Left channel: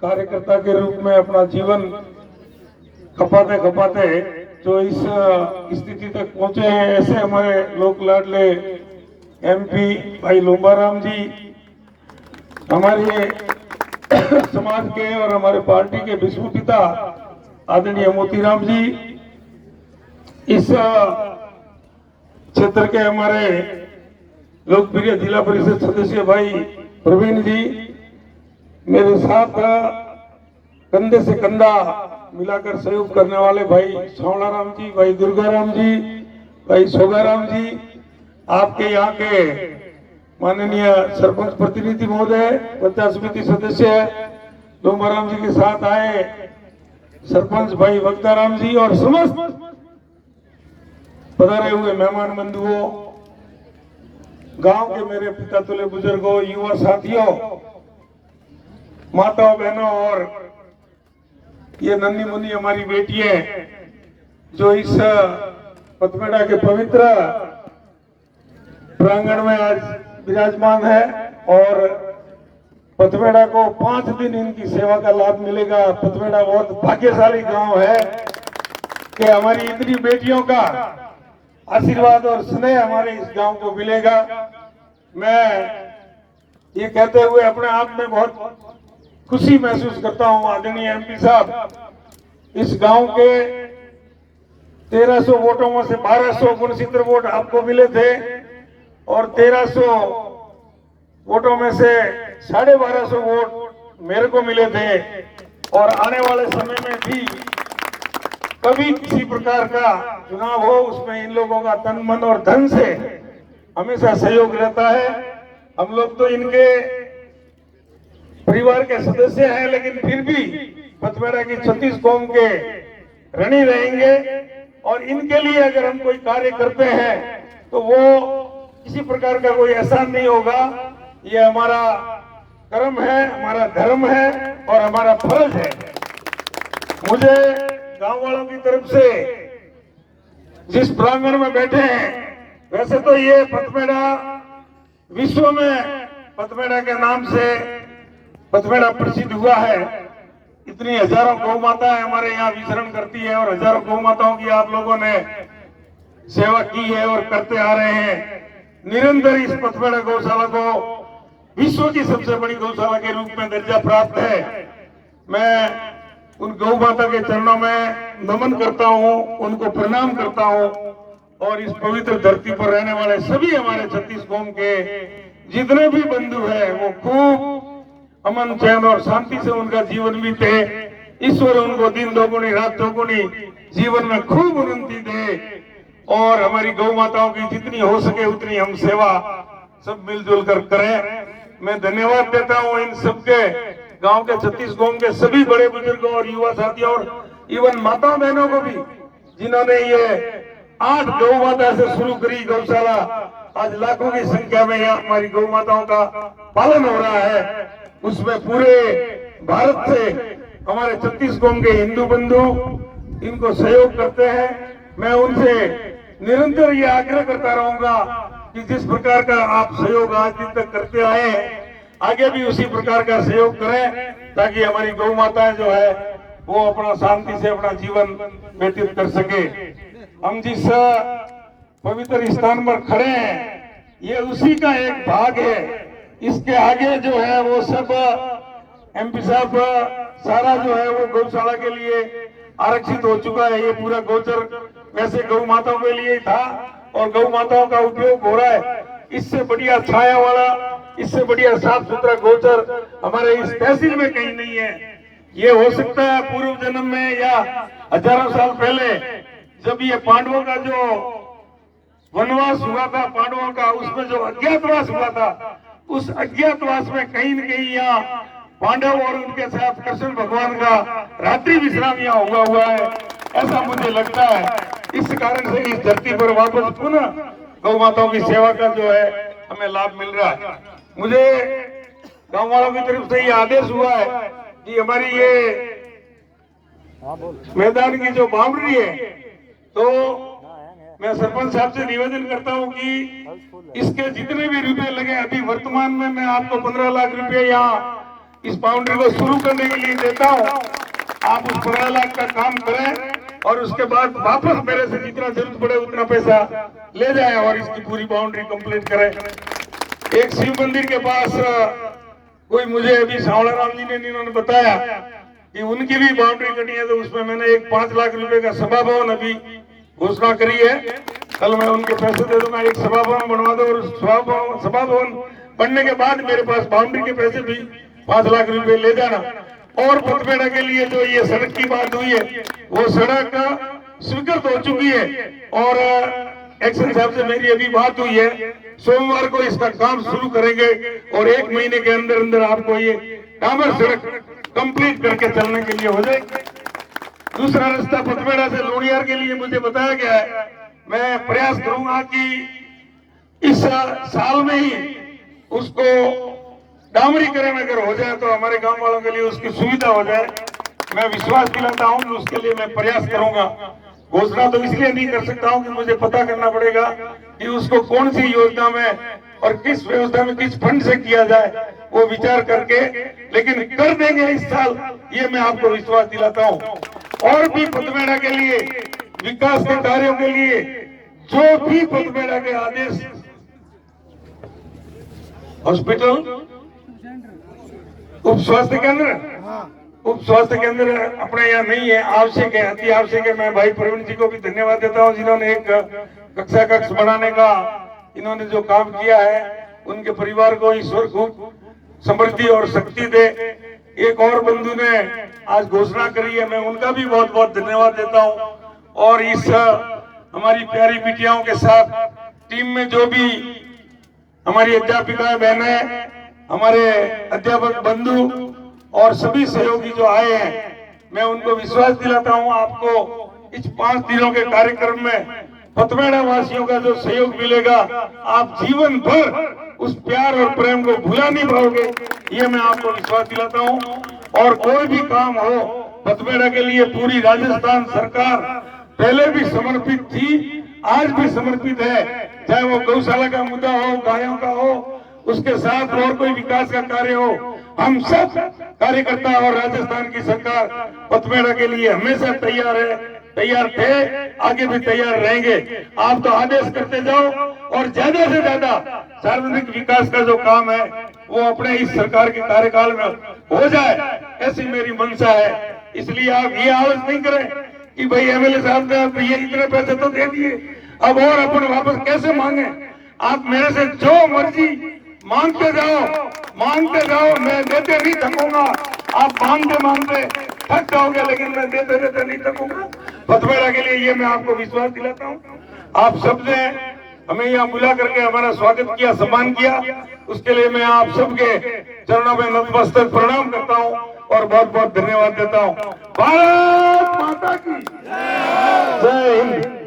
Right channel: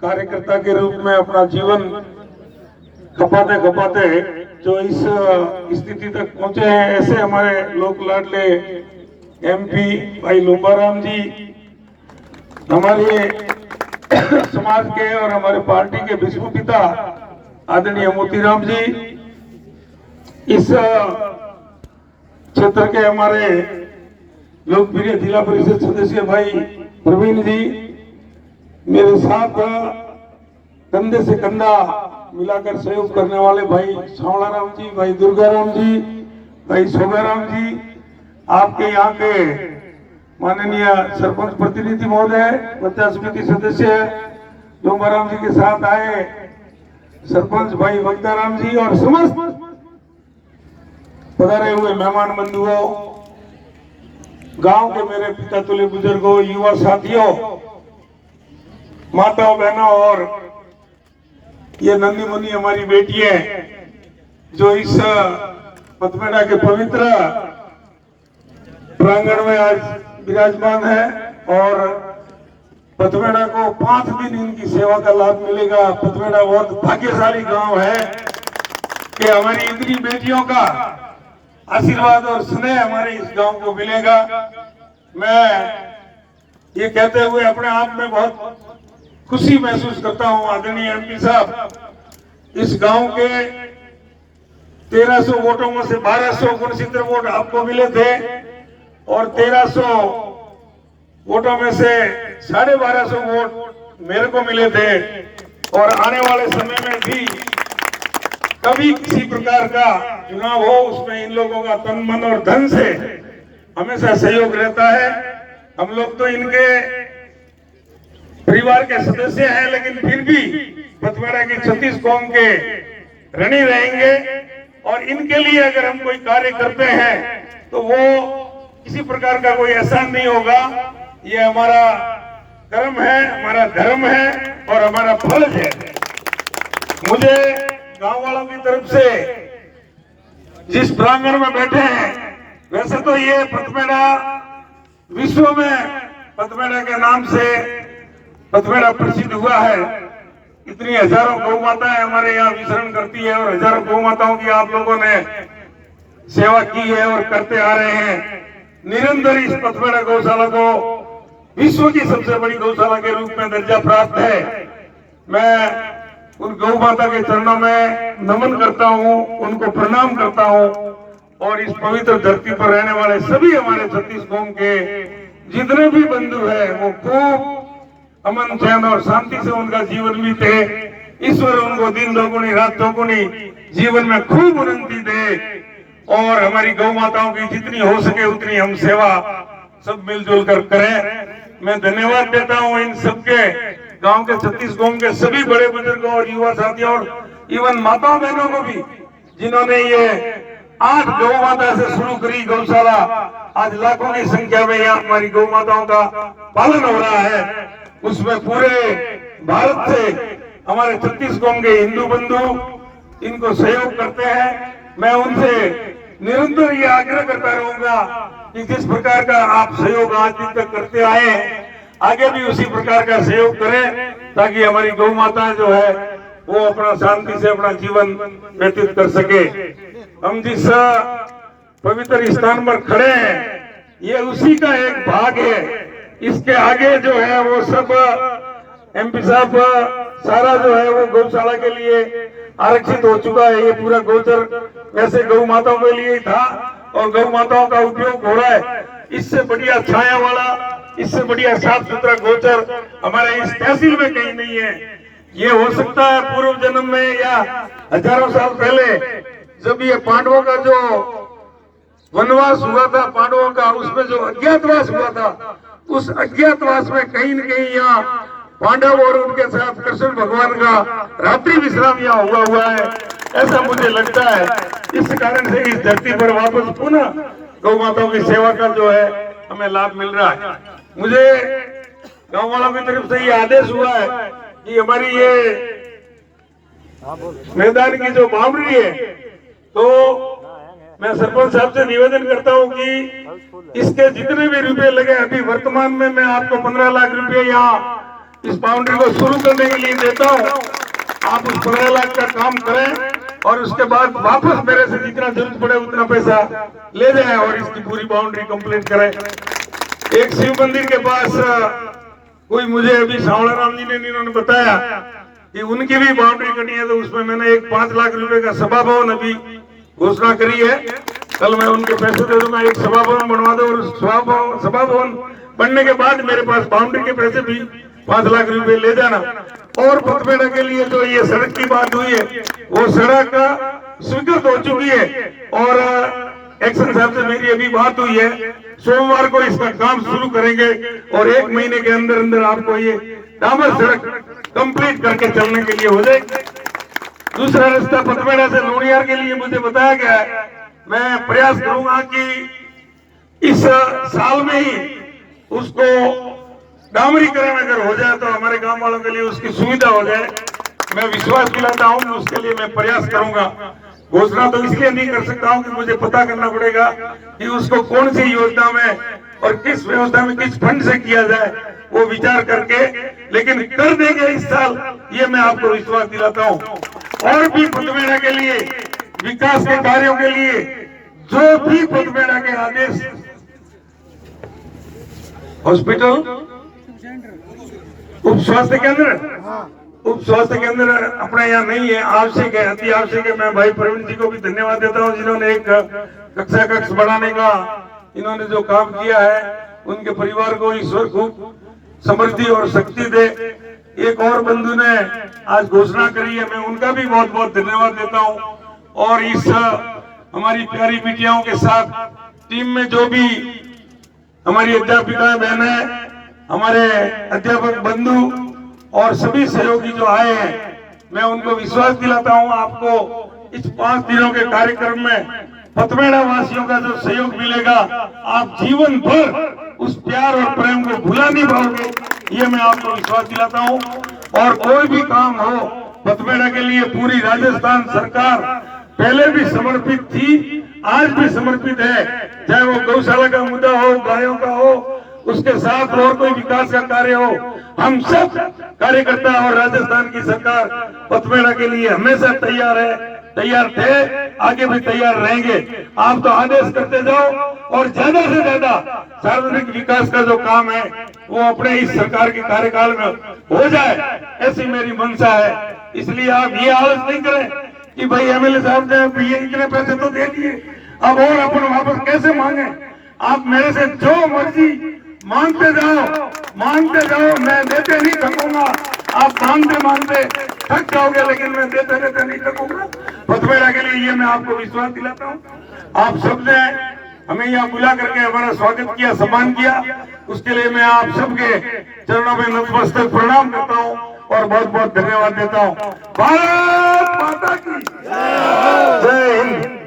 कार्यकर्ता के रूप में अपना जीवन खपाते खपाते जो इस स्थिति तक पहुंचे हैं, ऐसे हमारे लोक लाडले एमपी भाई लुम्बाराम जी, हमारे समाज के और हमारे पार्टी के विश्व पिता आदरणीय मोतीराम जी, इस क्षेत्र के हमारे लोकप्रिय जिला परिषद सदस्य भाई प्रवीण जी, मेरे साथ कंधे से कंधा मिलाकर सहयोग करने वाले भाई सावड़ाराम जी, भाई दुर्गाराम जी, भाई सोगाराम जी, आपके यहाँ के माननीय सरपंच प्रतिनिधि महोदय, पंचायत समिति सदस्य लुम्बाराम जी के साथ आए सरपंच भाई वक्ताराम जी और समस्त पधारे हुए मेहमान बंधुओं, गांव के मेरे पिता तुल्य बुजुर्गों, युवा साथियों, माताओं बहनों और ये नन्ही मुन्नी हमारी बेटियां जो इस पथमेड़ा के पवित्र प्रांगण में आज विराजमान है और पथमेड़ा को 5 दिन इनकी सेवा का लाभ मिलेगा। पथमेड़ा बहुत भाग्यशाली गांव है कि हमारी इतनी बेटियों का आशीर्वाद और स्नेह हमारे इस गांव को मिलेगा। मैं ये कहते हुए अपने आप में बहुत खुशी महसूस करता हूं, आदरणीय एमपी साहब, इस गांव के 1300 वोटों में से 1269 वोट आपको मिले थे और 1300 वोटों में से 1250 वोट मेरे को मिले थे और आने वाले समय में भी कभी किसी प्रकार का चुनाव हो उसमें इन लोगों का तन मन और धन से हमेशा सहयोग रहता है। हम लोग तो इनके परिवार के सदस्य हैं, लेकिन फिर भी पथमेड़ा की 36 कौम के ऋणी रहेंगे और इनके लिए अगर हम कोई कार्य करते हैं तो वो किसी प्रकार का कोई एहसान नहीं होगा। ये हमारा कर्म है, हमारा धर्म है और हमारा फर्ज है। मुझे गांव वालों की तरफ से जिस प्रांगण में बैठे हैं, वैसे तो ये पथमेड़ा विश्व में पथमेड़ा के नाम से पथमेड़ा प्रसिद्ध हुआ है। इतनी हजारों गौ माताएं हमारे यहाँ विचरण करती है और हजारों गौ माताओं की आप लोगों ने सेवा की है और करते आ रहे हैं। निरंतर इस पथमेड़ा गौशाला को विश्व की सबसे बड़ी गौशाला के रूप में दर्जा प्राप्त है। मैं उन गौ माता के चरणों में नमन करता हूँ, उनको प्रणाम करता हूँ और इस पवित्र धरती पर रहने वाले सभी हमारे 36 कौम के जितने भी बंधु हैं वो खूब अमन चैन और शांति से उनका जीवन बीते। ईश्वर उनको दिन दोगुनी रात चौगुनी जीवन में खूब उन्नति दे और हमारी गौ माताओं की जितनी हो सके उतनी हम सेवा सब मिलजुल कर करें। मैं धन्यवाद देता हूँ इन सबके गांव के 36 कौम के सभी बड़े बुजुर्गों और युवा साथियों और इवन माताओं बहनों को भी, जिन्होंने ये 8 गौ माता से शुरू करी गौशाला। आज लाखों की संख्या में यहाँ हमारी गौ माताओं का पालन हो रहा है। उसमें पूरे भारत से हमारे 36 कौम के हिंदू बंधु इनको सहयोग करते हैं। मैं उनसे निरंतर ये आग्रह करता रहूंगा कि जिस प्रकार का आप सहयोग आज दिन तक करते आए हैं, आगे भी उसी प्रकार का सहयोग करें ताकि हमारी गौ माताएं जो है वो अपना शांति से अपना जीवन व्यतीत कर सके। हम जिस पवित्र स्थान पर खड़े हैं ये उसी का एक भाग है। इसके आगे जो है वो सब एमपी साहब सारा जो है वो गौशाला के लिए आरक्षित हो चुका है। ये पूरा गोचर वैसे गौ माताओं के लिए ही था और गौ माताओं का उपयोग हो रहा है। इससे बढ़िया छाया वाला, इससे बढ़िया साफ सुथरा गोचर हमारे इस तहसील में कहीं नहीं है। ये हो सकता है पूर्व जन्म में या हजारों साल पहले जब ये पांडवों का जो वनवास हुआ था, पांडवों का उसमें जो अज्ञातवास हुआ था, उस अज्ञातवास में कहीं न कहीं यहाँ पांडव और उनके साथ कृष्ण भगवान का रात्रि विश्राम यहाँ हुआ है, ऐसा मुझे लगता है। इस कारण से इस धरती पर वापस पुनः गौ माताओं की सेवा का जो है हमें लाभ मिल रहा है। मुझे गाँव वालों की तरफ से ये आदेश हुआ है कि हमारी ये मैदान की जो बाउंड्री है, तो मैं सरपंच साहब से निवेदन करता हूं कि इसके जितने भी रुपए लगे, अभी वर्तमान में मैं आपको 15 लाख रुपए यहाँ इस बाउंड्री को शुरू करने के लिए देता हूँ। आप उस 15 लाख का काम करें और उसके बाद वापस मेरे से जितना जरूरत पड़े उतना पैसा ले जाएं और इसकी पूरी बाउंड्री कंप्लीट करें। एक शिव मंदिर के पास कोई मुझे अभी सावड़ा राम जी ने इन्होंने बताया कि उनकी भी बाउंड्री करनी है, तो उसमें मैंने एक 5 लाख रुपए का सभा भवन अभी घोषणा करी है। कल मैं उनके पैसे दे दूंगा, एक सभा भवन बनवा दो और उस सभा भवन बनने के बाद मेरे पास बाउंड्री के पैसे भी 5 लाख रुपए ले जाना। और पथमेड़ा के लिए जो ये सड़क की बात हुई है वो सड़क स्वीकृत हो चुकी है और एक्शन साहब से मेरी अभी बात हुई है, सोमवार को इसका काम शुरू करेंगे और 1 महीने के अंदर अंदर आपको ये डामर सड़क कंप्लीट करके चलने के लिए हो जाएगी। दूसरा रास्ता पथमेड़ा से लोनियार के लिए मुझे बताया गया है, मैं प्रयास करूंगा कि इस साल में ही उसको डामरीकरण अगर हो जाए तो हमारे गांव वालों के लिए उसकी सुविधा हो जाए। मैं विश्वास दिलाता हूं कि उसके लिए मैं प्रयास करूंगा। घोषणा तो इसलिए नहीं कर सकता हूं कि मुझे पता करना पड़ेगा कि उसको कौन सी योजना में और किस व्यवस्था में किस फंड से किया जाए, वो विचार करके लेकिन कर देंगे इस साल, ये मैं आपको विश्वास दिलाता हूँ। और भी पथमेड़ा के लिए विकास के कार्यों के लिए जो भी पथमेड़ा के आदेश, हॉस्पिटल, उप स्वास्थ्य केंद्र, उप स्वास्थ्य केंद्र अपने यहाँ नहीं है, आवश्यक है, अति आवश्यक है। मैं भाई प्रवीण जी को भी धन्यवाद देता हूँ जिन्होंने एक कक्षा कक्ष बढ़ाने का इन्होंने जो काम किया है। उनके परिवार को ईश्वर खूब समृद्धि और शक्ति दे। एक और बंधु ने आज घोषणा करी है, मैं उनका भी बहुत बहुत धन्यवाद देता हूँ। और इस हमारी प्यारी बिटियाओं के साथ टीम में जो भी हमारी अध्यापिका बहन है, हमारे अध्यापक बंधु और सभी सहयोगी जो आए हैं, मैं उनको विश्वास दिलाता हूं आपको इस 5 दिनों के कार्यक्रम में पथमेड़ा वासियों का जो सहयोग मिलेगा, आप जीवन भर उस प्यार और प्रेम को भुला नहीं पाओगे, ये मैं आपको विश्वास दिलाता हूं। और कोई भी काम हो पथमेड़ा के लिए पूरी राजस्थान सरकार पहले भी समर्पित थी, आज भी समर्पित है। चाहे वो गौशाला का मुद्दा हो, गायों का हो, उसके साथ और कोई विकास का कार्य हो, हम सब कार्यकर्ता और राजस्थान की सरकार पथमेड़ा के लिए हमेशा तैयार है, तैयार थे, आगे भी तैयार रहेंगे। आप तो आदेश करते जाओ और ज्यादा से ज्यादा सार्वजनिक विकास का जो काम है वो अपने इस सरकार के कार्यकाल में हो जाए, ऐसी मेरी मंशा है। इसलिए आप ये आलस नहीं करें कि भाई एमएलए साहब ने ये इतने पैसे तो दे दिए, अब और अपन वापस कैसे मांगे। आप मेरे से जो मर्जी मांगते जाओ, मैं देते नहीं थकूंगा। आप मांगते मांगते थक जाओगे, लेकिन मैं देते देते नहीं थकूंगा। पथमेड़ा के लिए ये मैं आपको विश्वास दिलाता हूँ। आप सबने हमें यहाँ बुला करके हमारा स्वागत किया, सम्मान किया, उसके लिए मैं आप सबके चरणों में नतमस्तक प्रणाम करता हूँ और बहुत बहुत धन्यवाद देता हूँ। भारत माता की जय हिंद।